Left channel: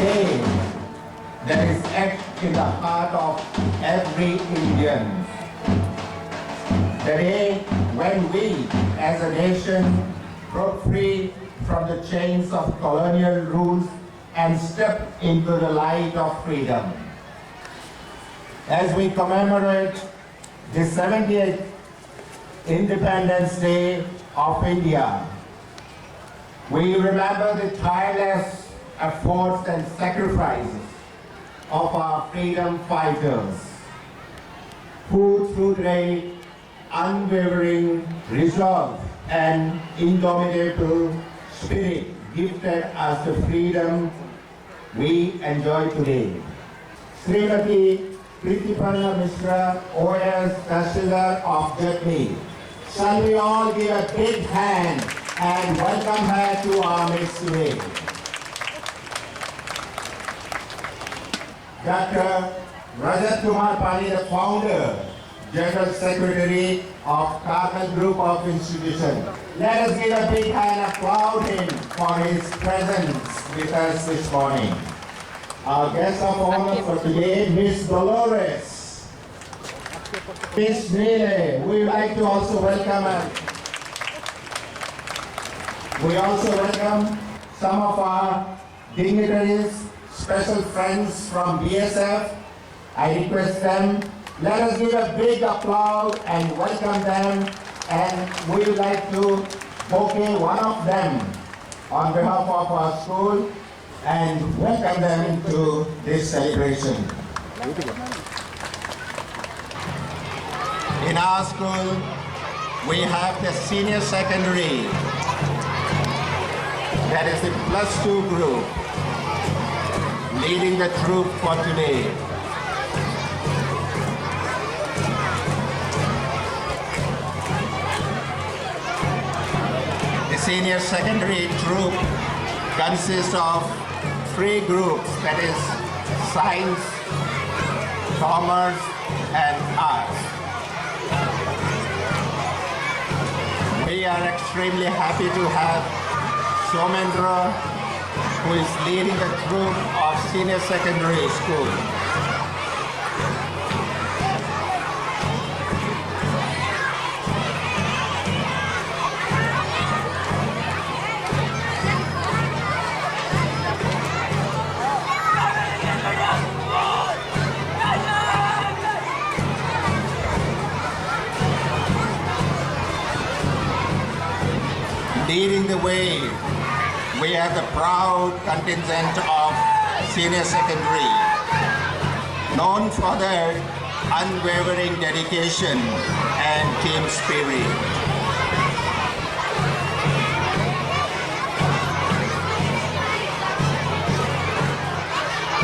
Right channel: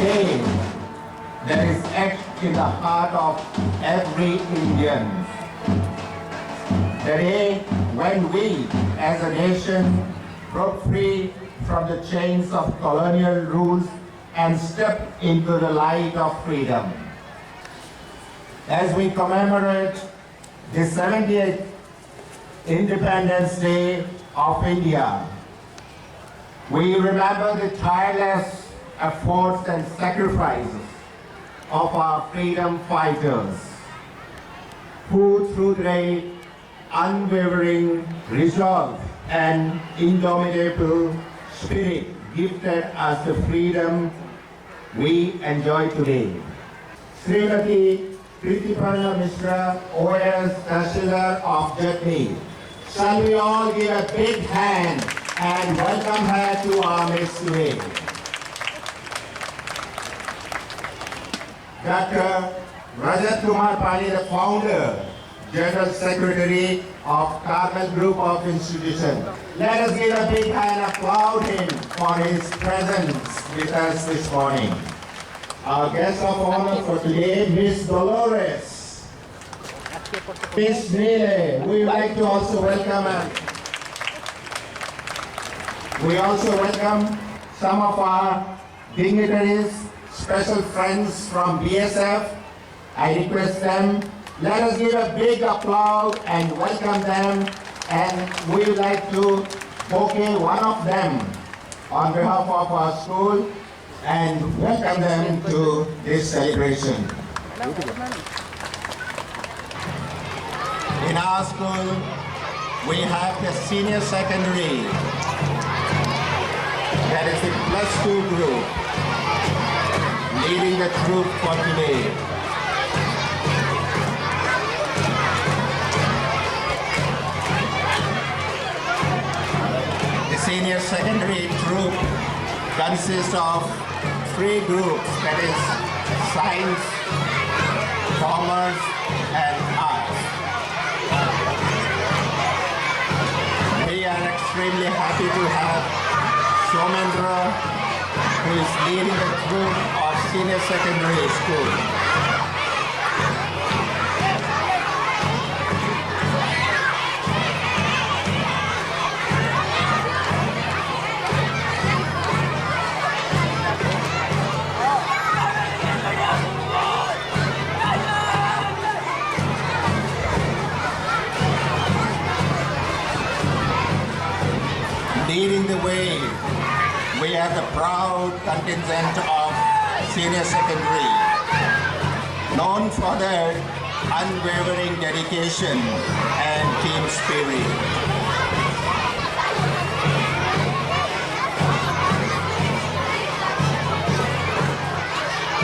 day that is etched in the heart of every Indian. The day when we, as a nation, broke free from the chains of colonial rules and stepped into the light of freedom. As we commemorate the 70th Independence Day of India, we remember the tireless efforts and sacrifices of our freedom fighters, who through their unwavering resolve and indomitable spirit gifted us the freedom we enjoy today. Srimati Pritiparna Mishra, OS Tahsildar of Jatni. Shall we all give a big hand and welcome her to our midst today. Dr. Rajat Kumar Pani, the founder, General Secretary of Carmel Group of Institutions. Let us give a big hand and applaud him for his presence with us this morning. Our guest of honor for today, Miss Dolores. Miss Neele, we would like to also welcome her. We also welcome some of our dignitaries, special friends from BSF. I request them, let us give a big applause and welcome them, and we would like to bouquet one of them on behalf of our school and welcome them to this celebration. In our school, we have the senior secondary, that is the +2 group, leading the troop for today. The senior secondary troop consists of 3 groups, that is science, commerce, and arts. We are extremely happy to have Somendra, who is leading the troop of senior secondary school. Leading the way, we have the proud contingent of senior secondary, known for their unwavering dedication and team spirit.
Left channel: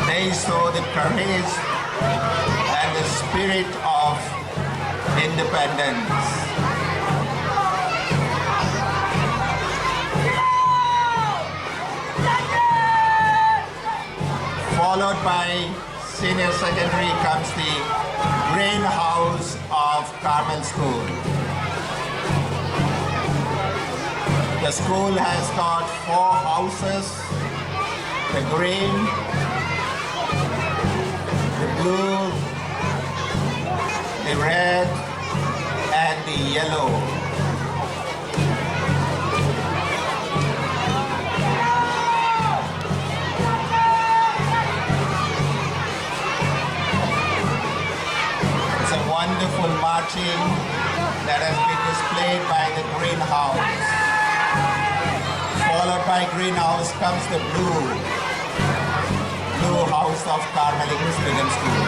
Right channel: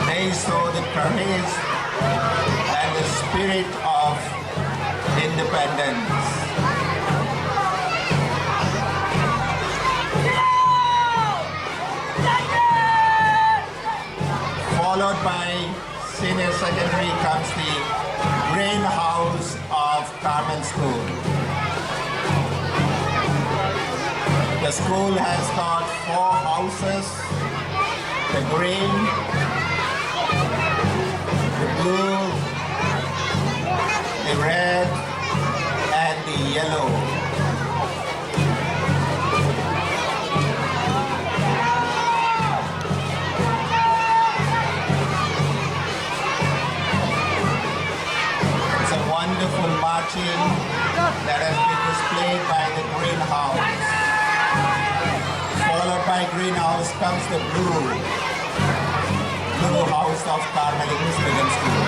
They show the courage and the spirit of independence. Followed by senior secondary comes the greenhouse of Carmel School. The school has got 4 houses, the green, the blue, the red, and the yellow. Wonderful marching that has been displayed by the greenhouse. Followed by greenhouse comes the blue house of Carmel English Medium School.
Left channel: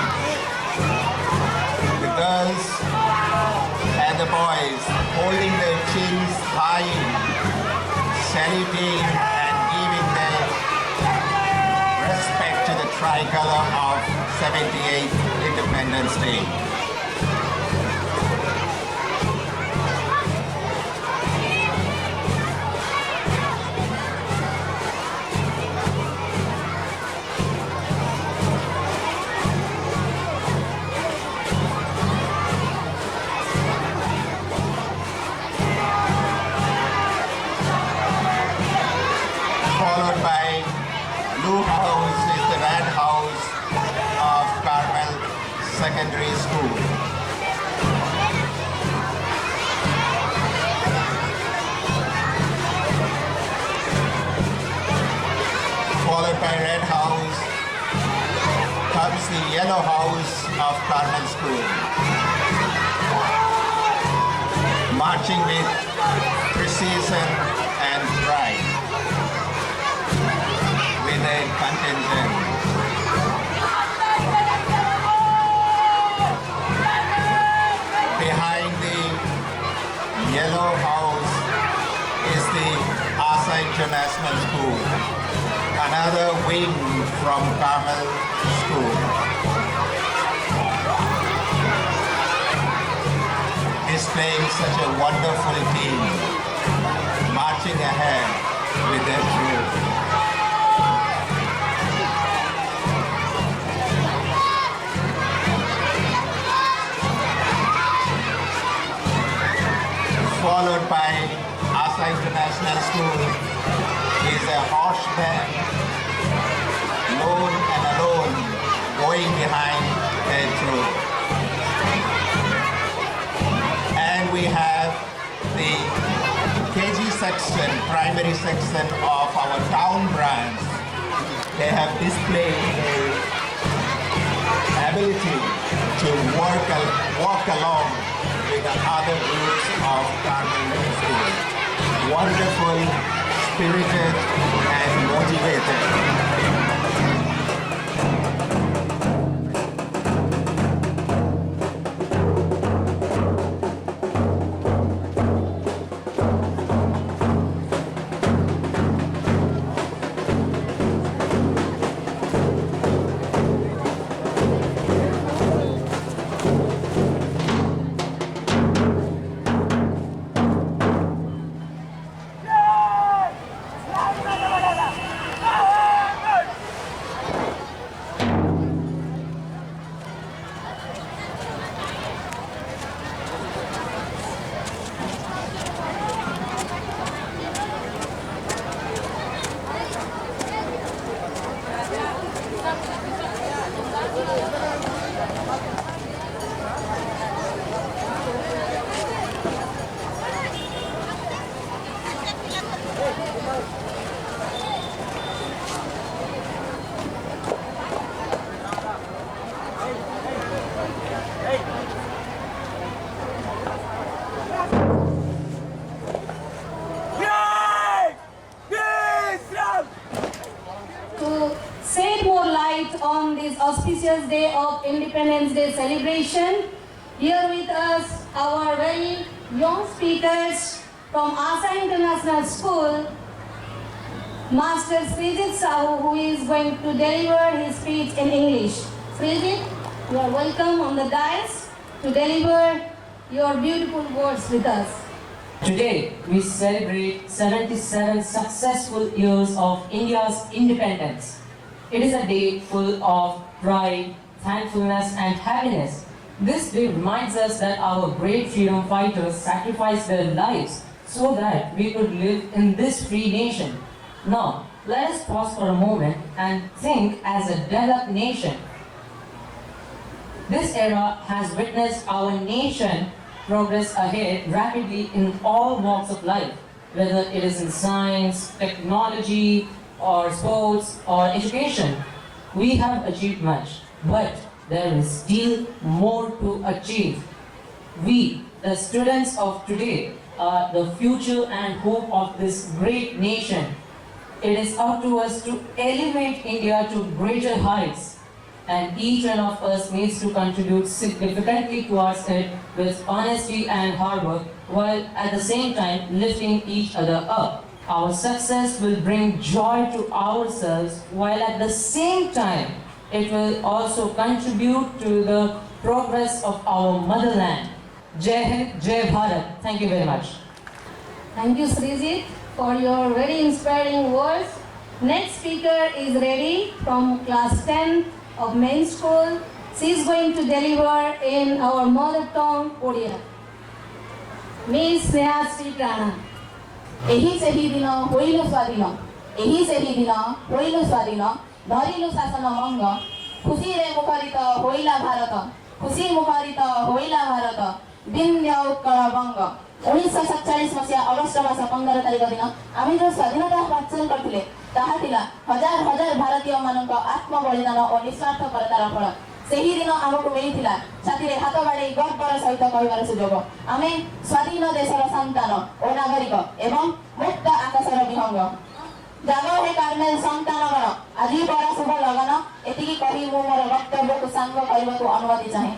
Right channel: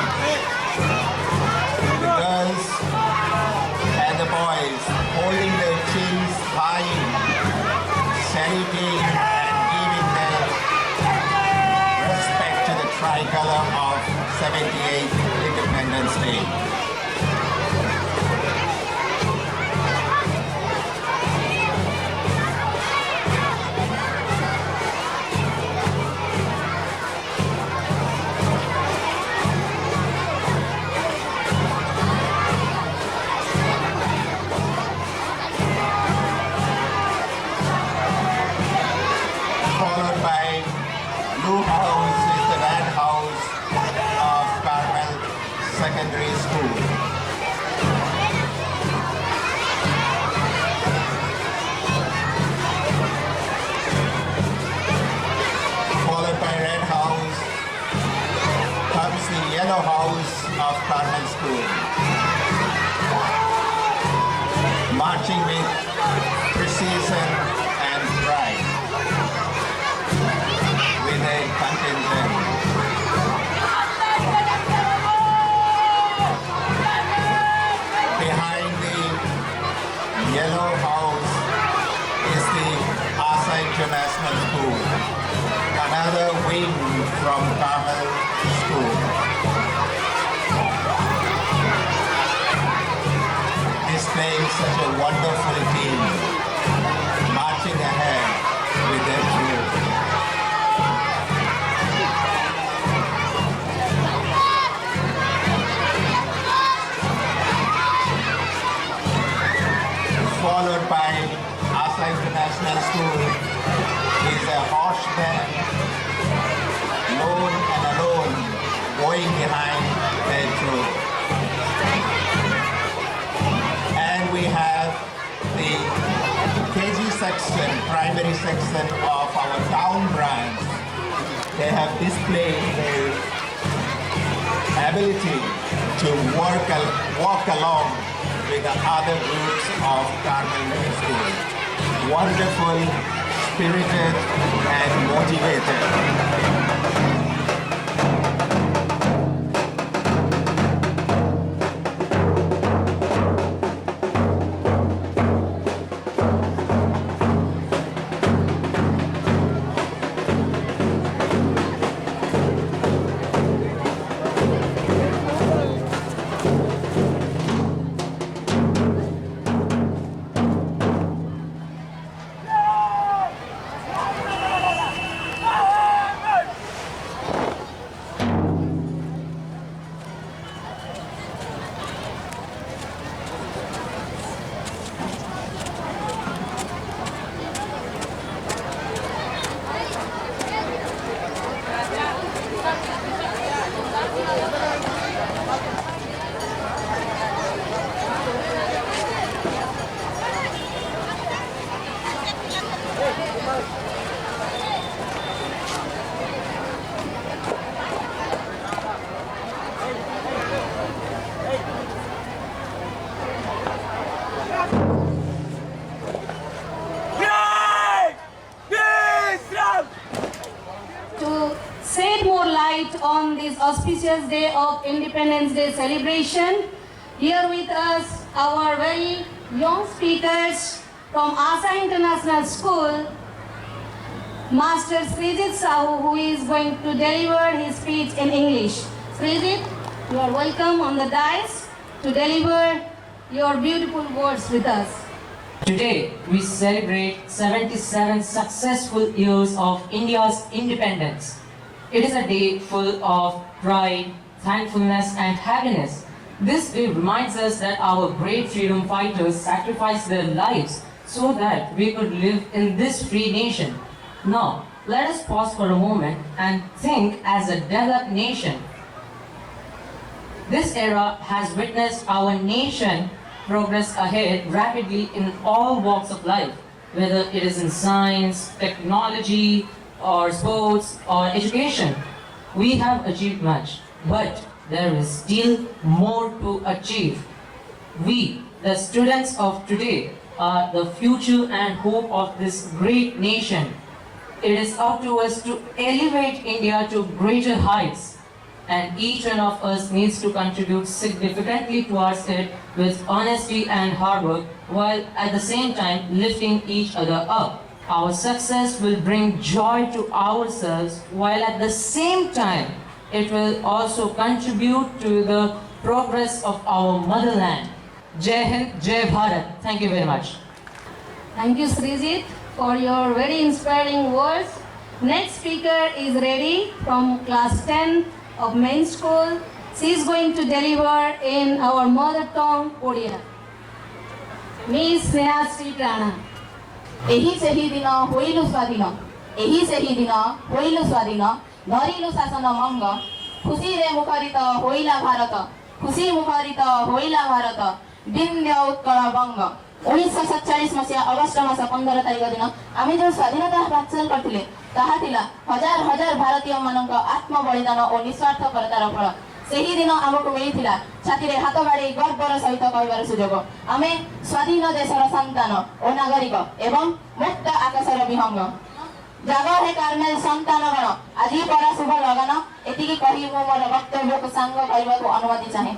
The girls and the boys holding their chins high, saluting and giving their respect to the tricolor of 78th Independence Day. Followed by blue house is Secondary School. Followed by Red House comes the Yellow House of Carmel School. Marching with precision and pride with a contingent. Behind the Yellow House is the Asa International School, another wing from Carmel School. Displaying such a wonderful team, marching ahead with their drill. Followed by Asa International School is a horse band, lone and alone, going behind their troop. And we have the KG section, primary section of our town branch. They have displayed their ability to walk along with the other groups of Carmel Middle School. Wonderful, spirited, and motivated. Shed more light on this auspicious day of Independence Day celebration. Here with us, our very young speakers from Asa International School, Master Srijit Sahu, who is going to deliver his speech in English. Srijit, you are welcome on the dais to deliver your beautiful words with us. Today, we celebrate 77 successful years of India's independence. It is a day full of pride, thankfulness, and happiness. This day reminds us that our great freedom fighters sacrificed their lives so that we could live in this free nation. Now, let us pause for a moment and think as a developed nation. This era has witnessed our nation progress ahead rapidly in all walks of life, whether it is in science, technology, or sports, or education. We have achieved much, but there is still more to achieve. We, the students of today, are the future and hope of this great nation. It is up to us to elevate India to greater heights, and each one of us needs to contribute significantly towards it with honesty and hard work, while at the same time lifting each other up. Our success will bring joy to ourselves, while at the same time it will also contribute to the progress of our motherland. Jai Hind, Jai Bharat. Thank you very much. Thank you, Srijit, for your very inspiring words. Next speaker is ready from class 10 of main school. She is going to deliver in our mother tongue, Odia. Miss Snehasri Prana. ଏହି ସେହି ଦିନ ହୋଇଲୁ ସ୍ୱାଧୀନ ଏହି ସେହି ଦିନ ହୋଇଲୁ ସ୍ୱାଧୀନ ଧରିଲୁ ଶାସନ ମଙ୍ଗ ଖୁସିରେ ମୁଖରିତ ହୋଇଲା ଭାରତ खुशी मुखरित होइला भारत विन्ध्य उत्कल बंग 1947 मसीहा अगस्ट मास 15 तारिख दिन आम जो स्वाधीनता हासिल करथिले ताहा थिला हजार हजार भारतीय मानक आत्म बलिदान और निस्वार्थपरतार फल सेही दिन आमको मिलिथिला छाती हाथ बाड़ी गर्वर सहित कहबार सुजोग आमे स्वाधीन देशर संतान और नागरिक एवं मुक्त आकाशर विहंग जाग हे कार्मेल संतानगण आज बड़ा शुभ लगन एतिकी कही मु मोर वक्तव्य को सांग करबा को अनुमति चाहे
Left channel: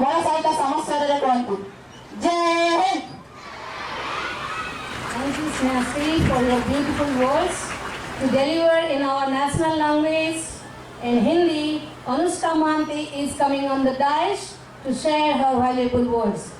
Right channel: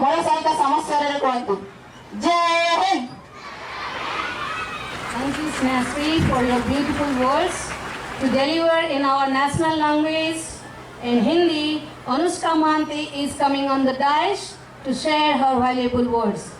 मोर सहित समस्त रे कहंतु जय Hind. Thank you, Snasri, for your beautiful words. To deliver in our national language, in Hindi, Anushka Mohanty is coming on the dais to share her valuable words.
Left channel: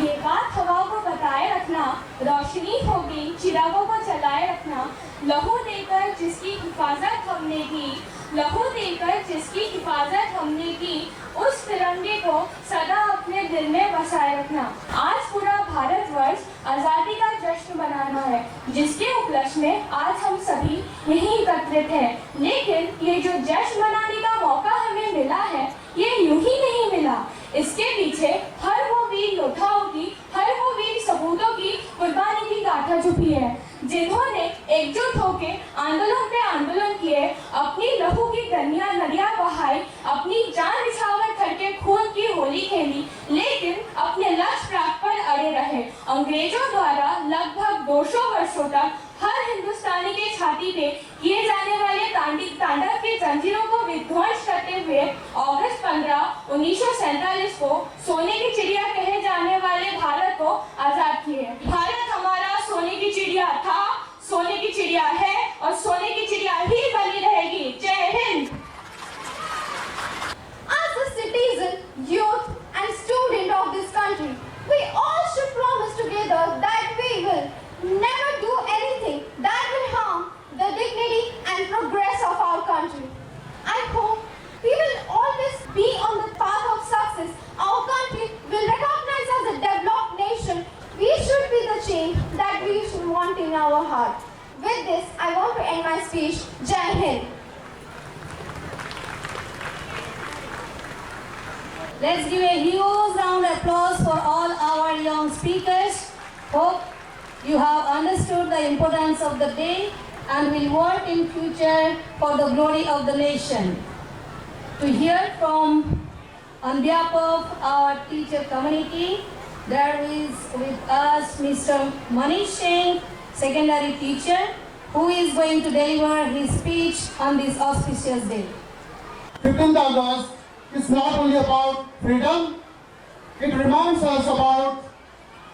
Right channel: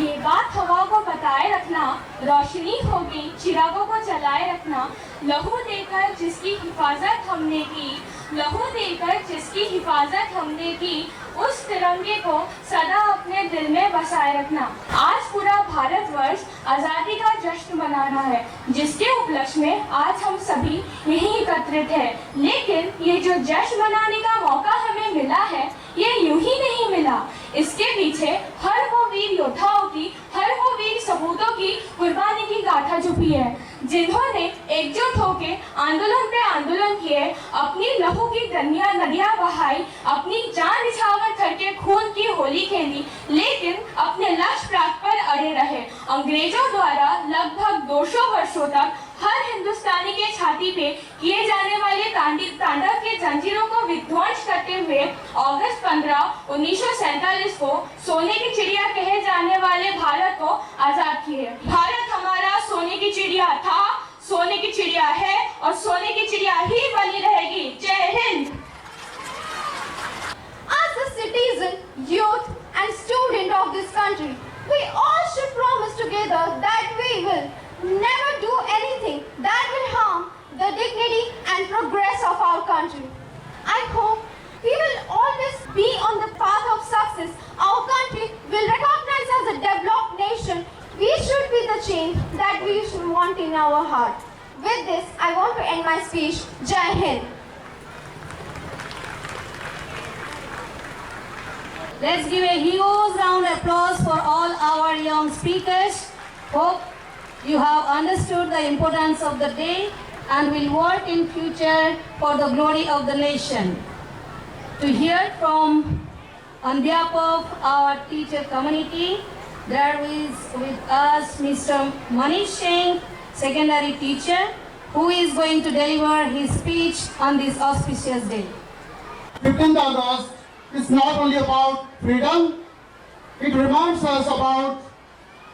ये बात हवा को बताए रखना, रोशनी होगी चिरागों को जलाए रखना, लहू देकर जिसकी हिफाजत हमने की, लहू देकर जिसकी हिफाजत हमने की, उस तिरंगे को सदा अपने दिल में बसाए रखना। आज पूरा भारतवर्ष आज़ादी का जश्न मना रहा है, जिसके उपलक्ष्य में आज हम सभी यहीं एकत्रित हैं। लेकिन ये जो जश्न मनाने का मौका हमें मिला है, ये यूं ही नहीं मिला। इसके पीछे हर वो वीर योद्धाओं की, हर वो वीर सपूतों की कुर्बानी की गाथा छुपी है, जिन्होंने एकजुट होकर आंदोलन पे आंदोलन किए, अपनी लहू की नदियां बहाई, अपनी जान निछावर करके खून की होली खेली, लेकिन अपने लक्ष्य प्राप्त पर अड़े रहे। अंग्रेजों द्वारा लगभग 200 वर्षों तक हर हिंदुस्तानी के छाती पे किए जाने वाले तांडव की जंजीरों को विध्वंस करते हुए अगस्त 15, 1947 को सोने की चिड़िया कहे जाने वाले भारत को आजाद किए। भारत हमारा सोने की चिड़िया था, सोने की चिड़िया है और सोने की चिड़िया ही बनी रहेगी। जय Hind. As a citizen, youth and student of this country, we all should promise together that we will never do anything that will harm the dignity and progress of our country. I hope we will always be on the path of success. Our country will recognize as a developed nation. We should be the change that we should want in our heart. With this, I want to end my speech. Jai Hind. Let's give a huge round of applause for all our young speakers. Hope you have understood the importance of the day and will work in future for the glory of the nation. To hear from, on behalf of our teacher community, there is with us Mr. Manish Singh, secondary teacher, who is going to deliver his speech on this auspicious day. 15th August is not only about freedom, it reminds us about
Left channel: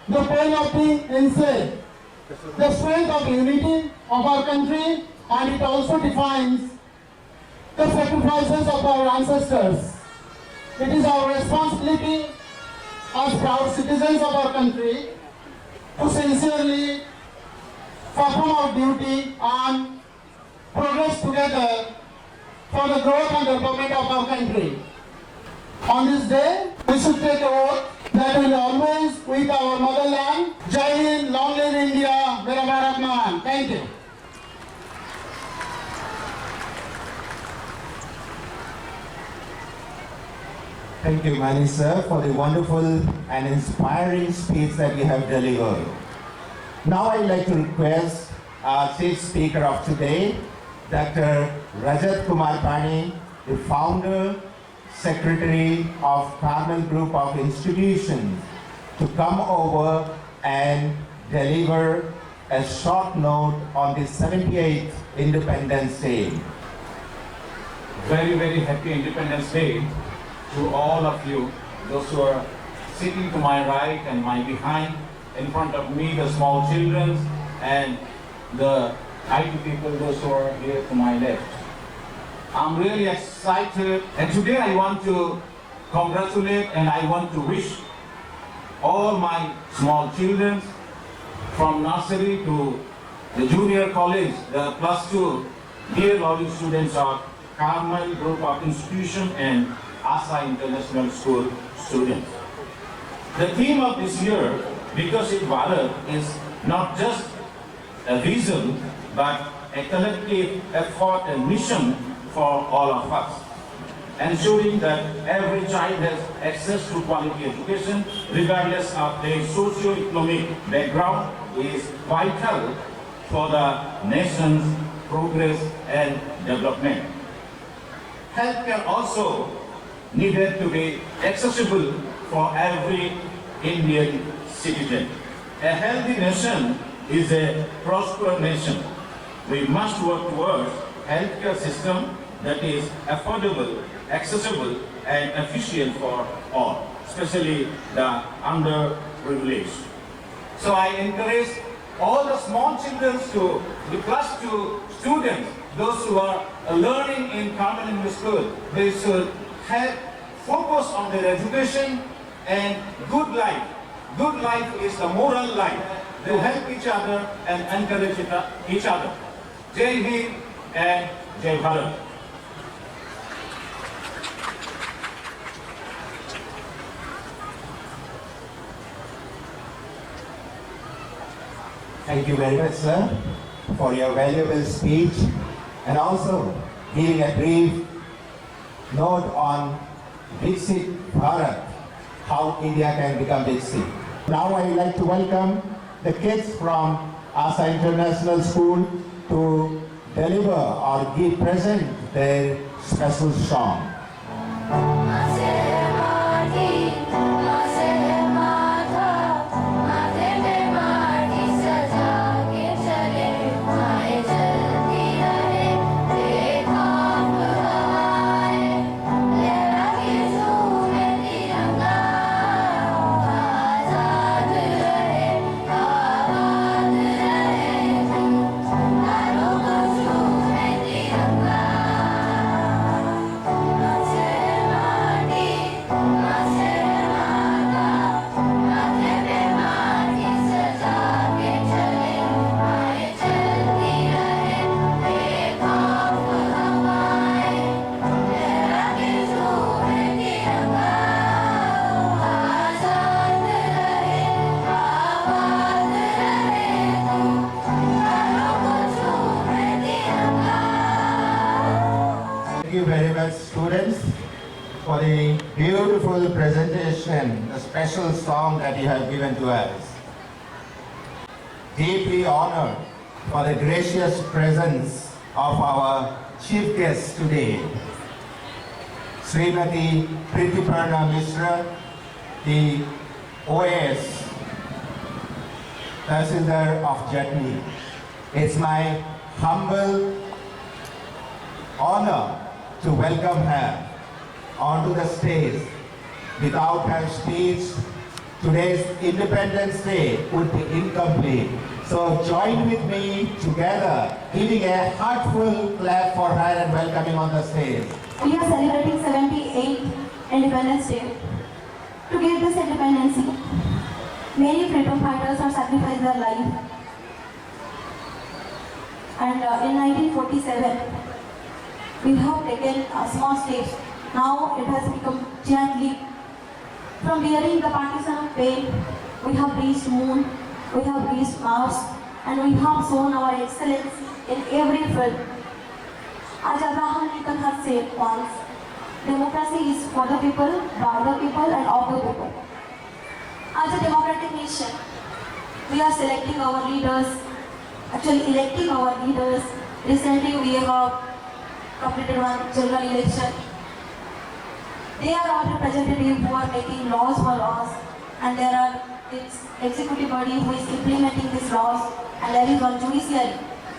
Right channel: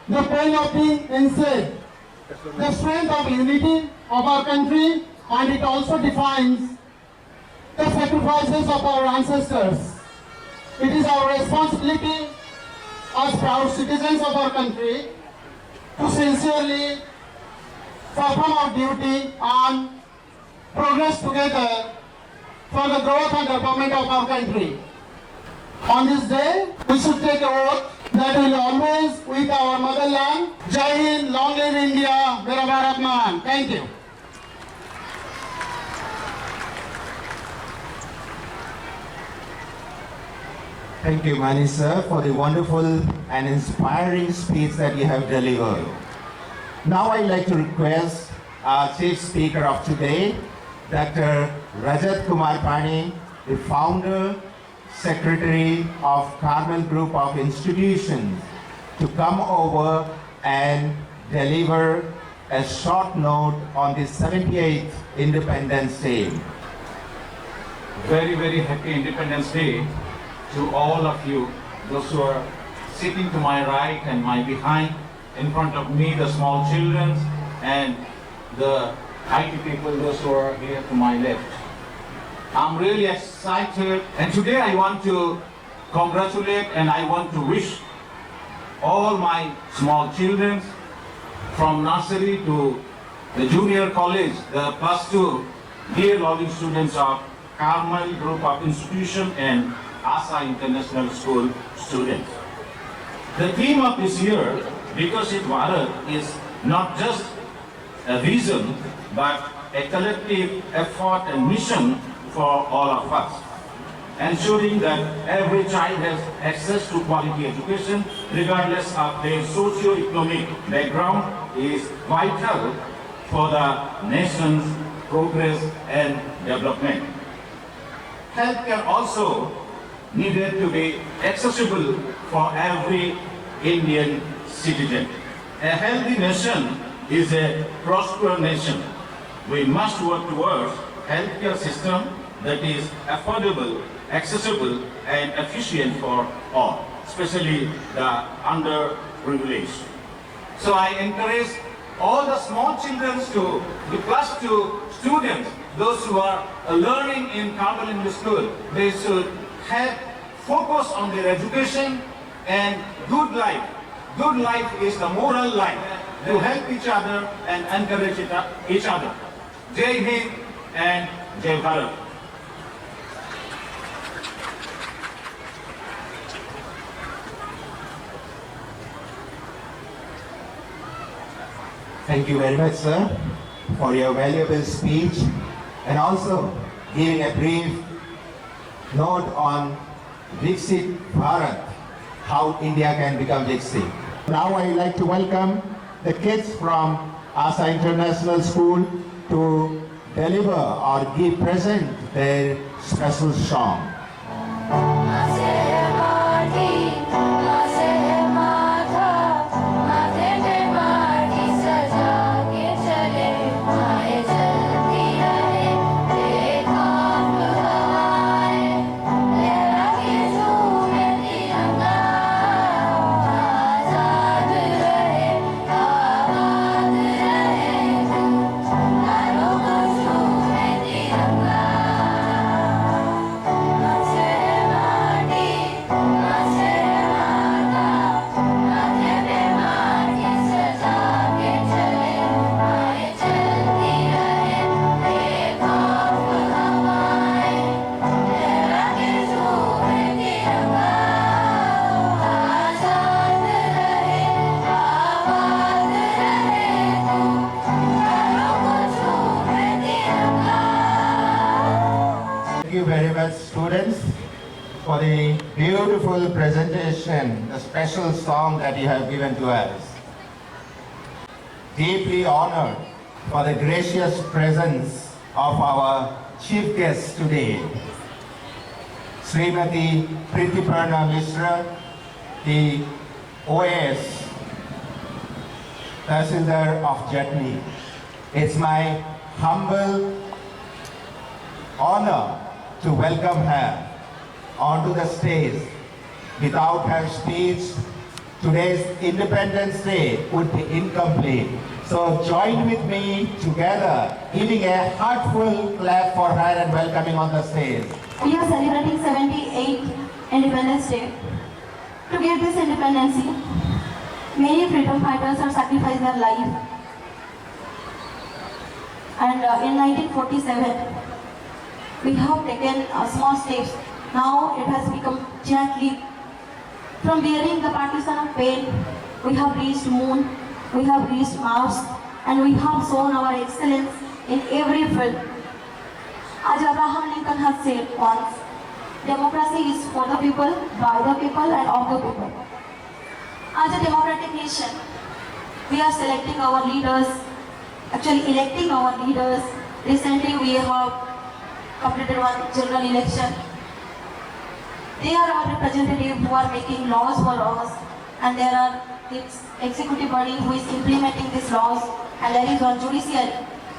the pain of being enslaved, the strength of unity of our country, and it also defines the sacrifices of our ancestors. It is our responsibility as proud citizens of our country to sincerely perform our duty and progress together for the growth and development of our country. On this day, we should take a oath that we will always with our motherland. Jai Hind, long live India, Mera Bharat Mahan. Thank you. Thank you, Mani sir, for the wonderful and inspiring speech that you have delivered. Now I'd like to request our chief speaker of today, Dr. Rajat Kumar Pani, the founder, secretary of Carmel Group of Institutions, to come over and deliver a short note on the 78th Independence Day. Very, very happy Independence Day to all of you, those who are sitting to my right and my behind, in front of me, the small children, and the IT people, those who are here to my left. I'm really excited, and today I want to congratulate and I want to wish all my small children from nursery to the junior college, the +2, dear loving students of Carmel Group of Institution and Asa International School students. The theme of this year, Viksit Bharat, is not just a vision, but a collective effort and mission for all of us. ensuring that every child has access to quality education regardless of their socio-economic background is vital for the nation's progress and development. Healthcare also needed to be accessible for every Indian citizen. A healthy nation is a prosperous nation. We must work towards a healthcare system that is affordable, accessible, and efficient for all, especially the underprivileged. So I encourage all the small children to the class 2 students, those who are learning in common English school, they should have focus on their education and good life. Good life is the moral life. To help each other and encourage each other. Jai Hind and Jai Bharat. Thank you very much, sir, for your valuable speech and also giving a brief note on Viksit Bharat, how India can become Viksit. Now I would like to welcome the kids from Asa International School to deliver or give present their special song. Thank you very much, students, for the beautiful presentation, the special song that you have given to us. Deeply honored for the gracious presence of our chief guest today, Srimati Pritiparna Mishra, the OAS Tahsildar of Jatni. It's my humble honor to welcome her onto the stage. Without her speech, today's Independence Day would be incomplete. So join with me together, giving a heartful clap for her and welcoming on the stage. We are celebrating 78th Independence Day. To get this independence, many freedom fighters have sacrificed their life. And in 1947, we have taken small steps. Now it has become giant leap. From wearing the partisan of pain, we have reached moon, we have reached Mars, and we have shown our excellence in every field. As Abraham Lincoln has said once, democracy is for the people, by the people, and of the people. As a democratic nation, we are selecting our leaders, actually electing our leaders. Recently, we have completed one general election. They are our representatives who are making laws for us, and there are its executive body who is implementing these laws, and there is one judiciary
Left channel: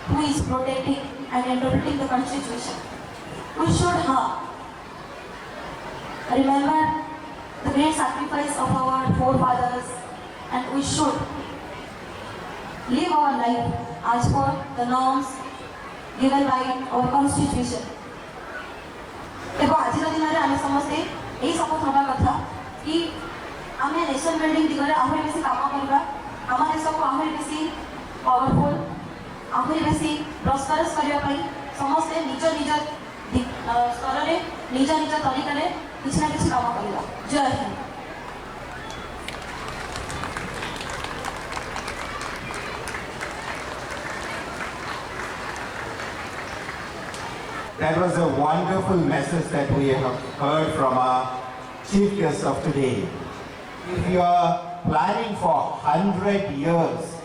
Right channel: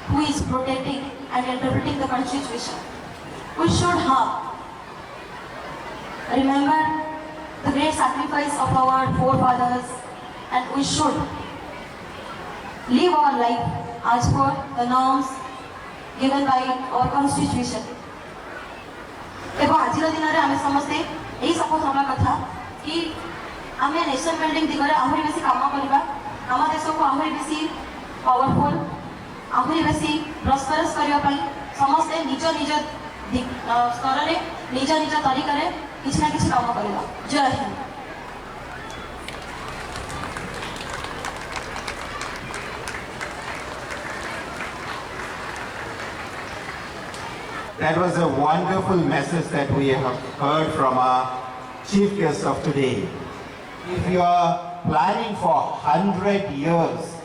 who is protecting and interpreting the constitution. We should have remember the great sacrifice of our forefathers, and we should live our life as per the norms given by our constitution. एवं आज दिन में आम समस्ते यही शपथ हवा कथा कि आम नेशन बिल्डिंग दिगरे आहरी बेसी काम करवा, आम देश को आहरी बेसी पावरफुल, आहरी बेसी प्रस्परस करने पाई समस्ते निज निज स्तर में निज निज तरीका रे किसी ना किसी काम करवा। जय Hind. That was a wonderful message that we have heard from our chief guest of today. If you are planning for 100 years,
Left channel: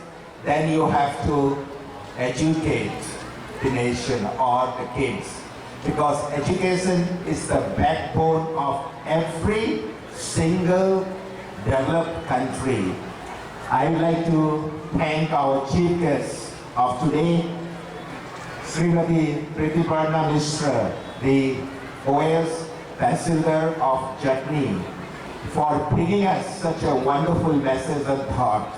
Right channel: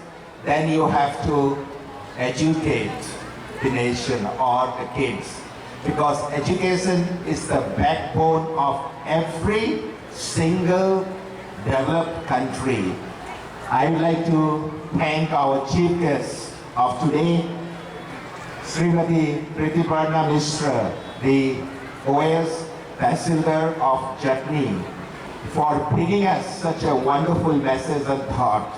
then you have to educate the nation or the kids, because education is the backbone of every single developed country. I would like to thank our chief guest of today, Srimati Pritiparna Mishra, the OAS Tahsildar of Jatni, for bringing us such a wonderful message and thought.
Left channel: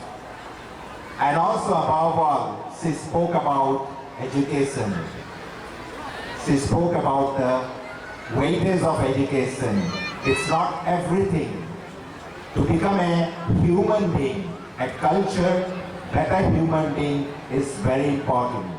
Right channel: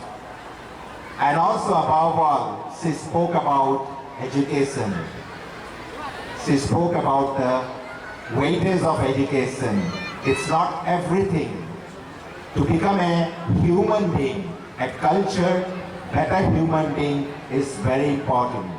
And also above all, she spoke about education. She spoke about the weightage of education. It's not everything. To become a human being, a cultured, better human being is very important.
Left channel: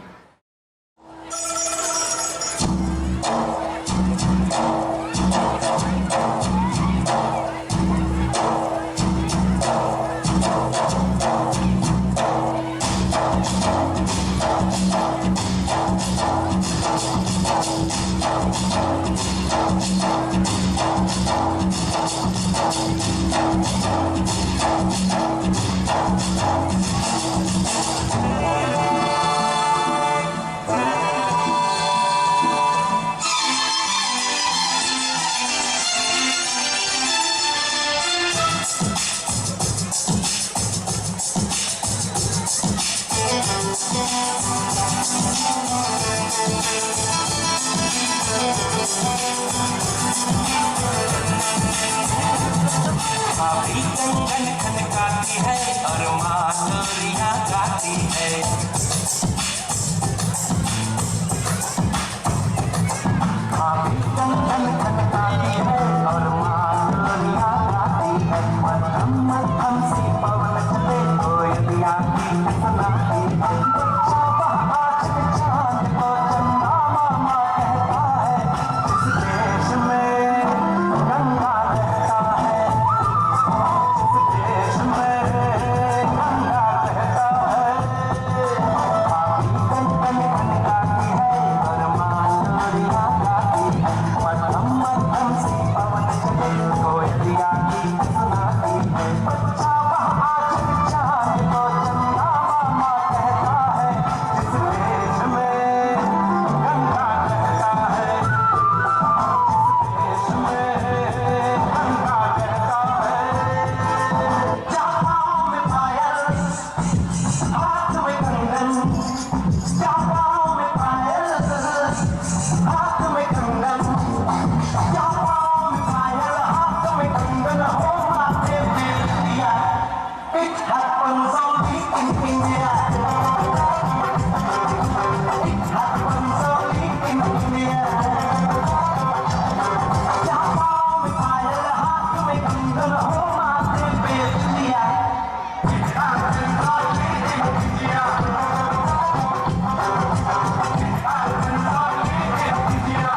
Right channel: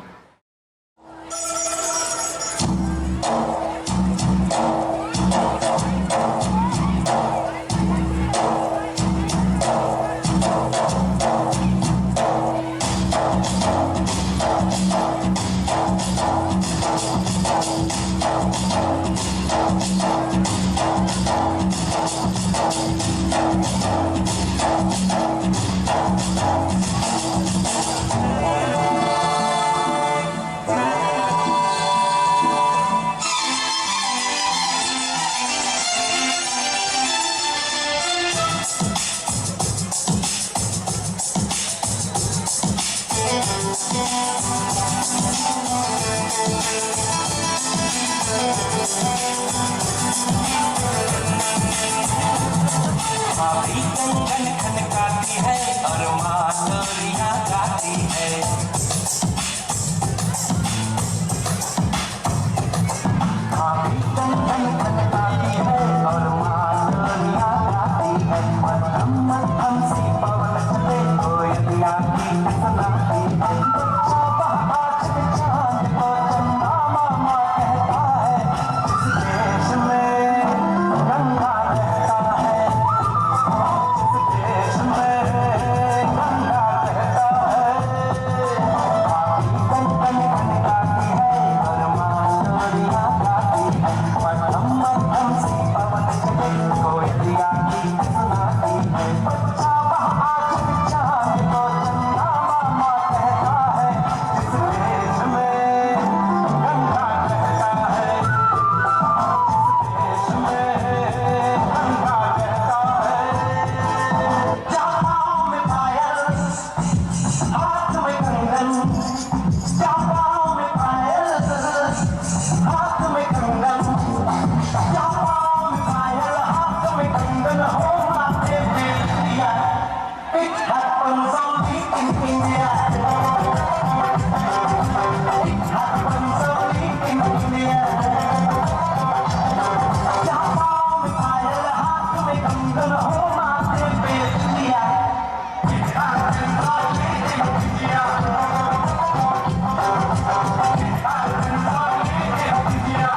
भाभी कंगन खनकाती है और माँ लोरियां गाती है। भाभी कंगन खनकाती है और माँ लोरियां गाती है। मध्यम मध्यम सी पवन चले कोयलियां गीत सुनाती है। सुबह आज के चांद को चंदा मामा कहता है, इस देश में गंगा रहता है। देश में गंगा रहता है। भाभी कंगन खनकाती है और माँ लोरियां गाती है। मध्यम मध्यम सी पवन चले कोयलियां गीत सुनाती है। सुबह आज के चांद को चंदा मामा कहता है, इस देश में गंगा रहता है। इस देश में गंगा रहता है। जापाओं में पायल, हाथ में कंगन। जापाओं में पायल, हाथ में कंगन। जापाओं में पायल, हाथ में कंगन। हो माथे पे बिंदिया, it happens only in India. It happens only in India. जापाओं में पायल, हाथ में कंगन। हो माथे पे बिंदिया, it happens only in India. It happens only in India.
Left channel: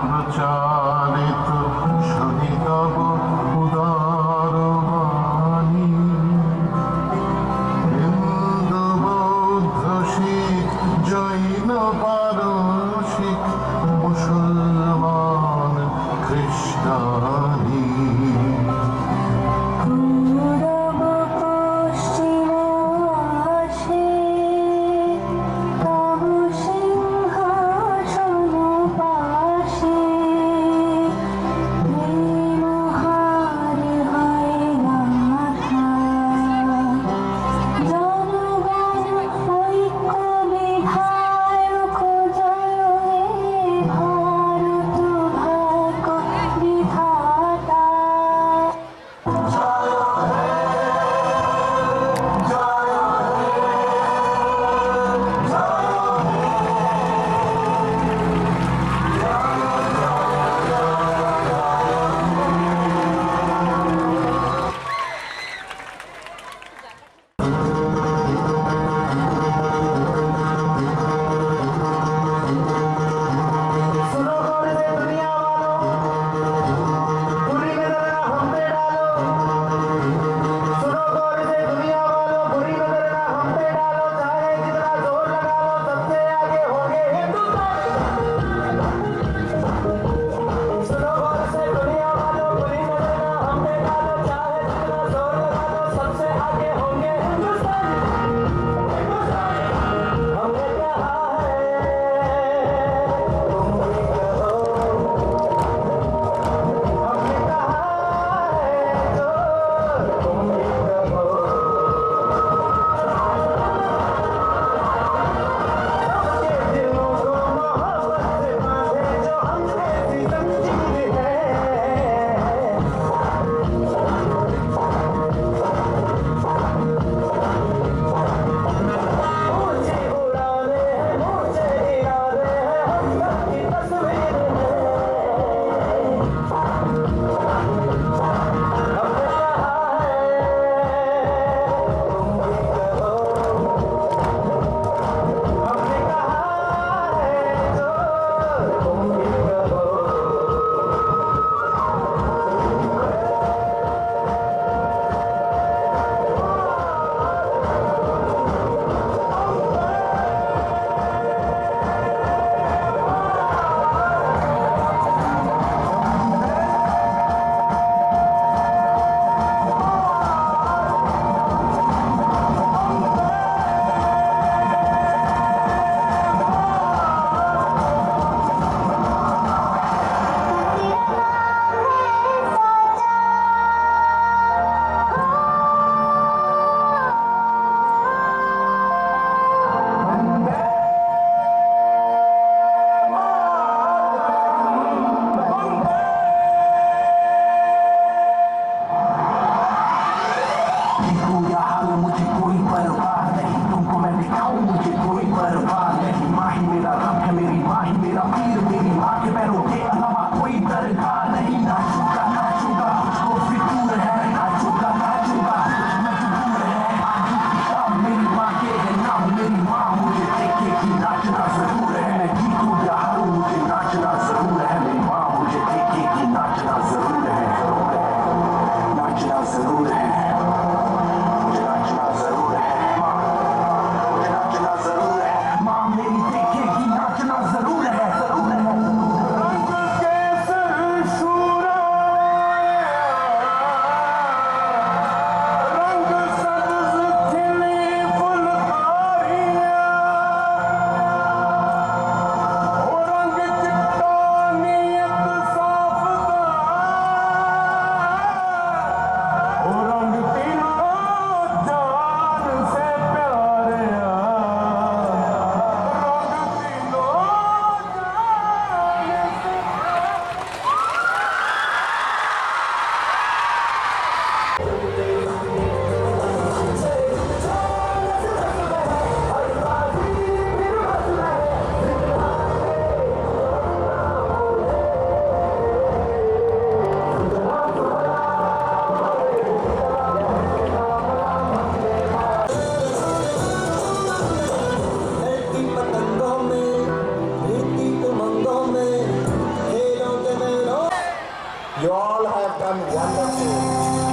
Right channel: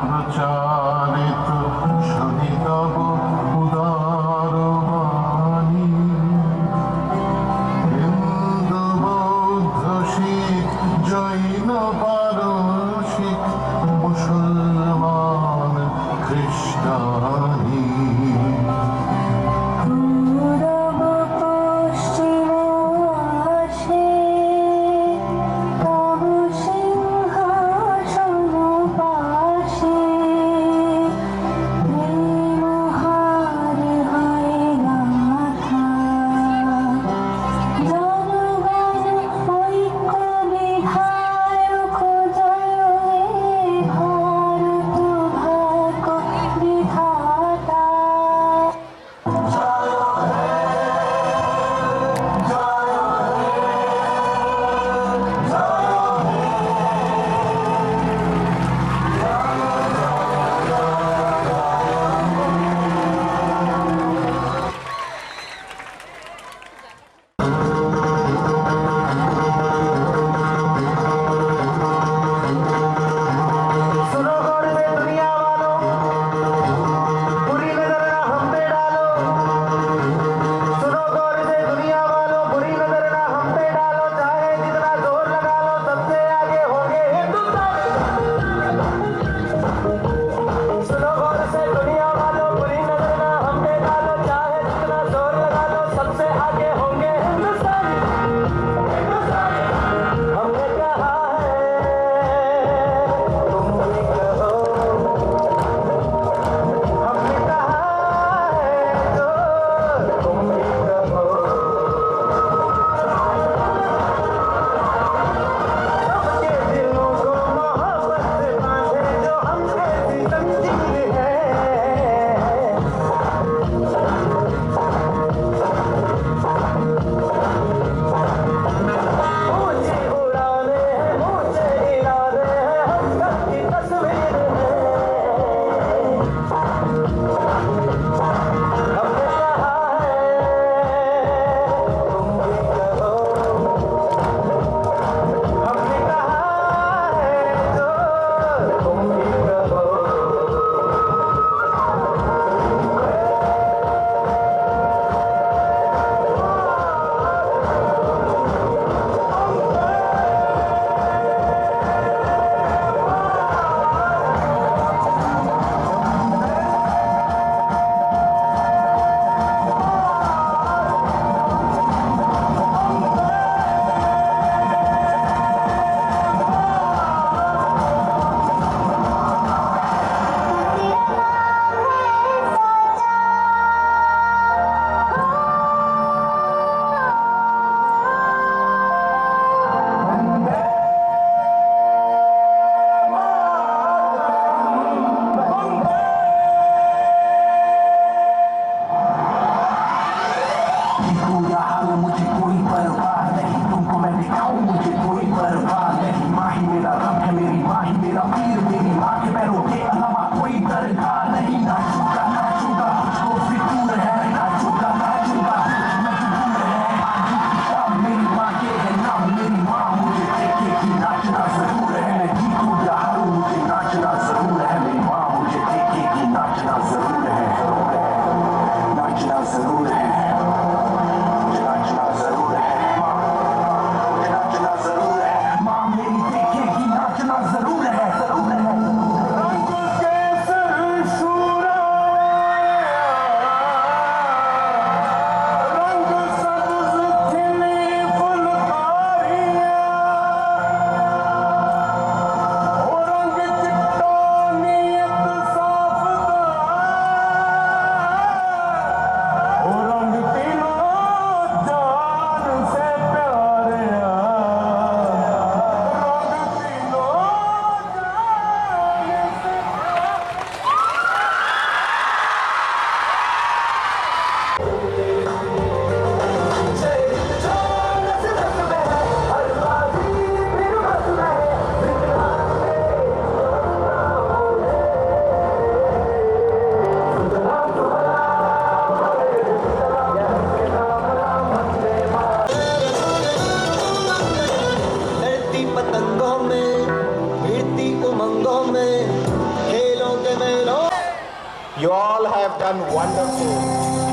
প্রচারিত শুনি তব উদার বাণী হিন্দু বৌদ্ধ শিখ জৈন পারসিক মুসলমান খ্রিস্টানি পূরব পশ্চিম আসে তব সিংহাসন পাশে প্রেমহারি হয় গাথা জনগণ ঐক্য বিধায়ক জয় হে ভারত ভাগ্য বিধাতা सुनो गौर से दुनिया वालों बुरी नजर ना हम पे डालो सुनो गौर से दुनिया वालों बुरी नजर ना हम पे डालो चाहे जितना जोर लगा लो सबसे आगे होंगे हिंदुस्तान सुनो गौर से दुनिया वालों बुरी नजर ना हम पे डालो चाहे जितना जोर लगा लो सबसे आगे होंगे हिंदुस्तान हमने कहा है तुम भी कहो हमने कहा है जो तुम भी कहो सबके दिलों को मोहब्बत से बांधे जो हमसे सितम की है ऊंची उड़ाने हैं ऊंचे इरादे हैं हम सबकी तस्वीर है हमने कहा है तुम भी कहो हमने कहा है जो तुम भी कहो या हाल मुझे कोई परवाह नहीं तुमको मैं दिखाऊं मुझे कोई परवाह नहीं माँ ही मेरा रब है मेरी माँ ही मेरा पीर मेरी माँ के पैरों के अलावा कोई दरगाह नहीं नाचूंगा नाचूंगा मुझको फितूर है नाचूंगा नाचूंगा मजबूर है आगे की शाम मेरी माँ के है नाम मेरी माँ मुझे देखेगी नाचना जरूर है मैं जीतूं या हारूं मुझे नाचना जरूर है मेरी माँ मुझे देखेगी नाचना जरूर है नाचना जरूर है मुझे नाचना जरूर है मुझे नाचना जरूर है माँ मेरी देखेगी नाचना जरूर है जरूर है रंग केसर शूरा रंग सब्ज खिली फुलकारियाँ You all have done wonderful.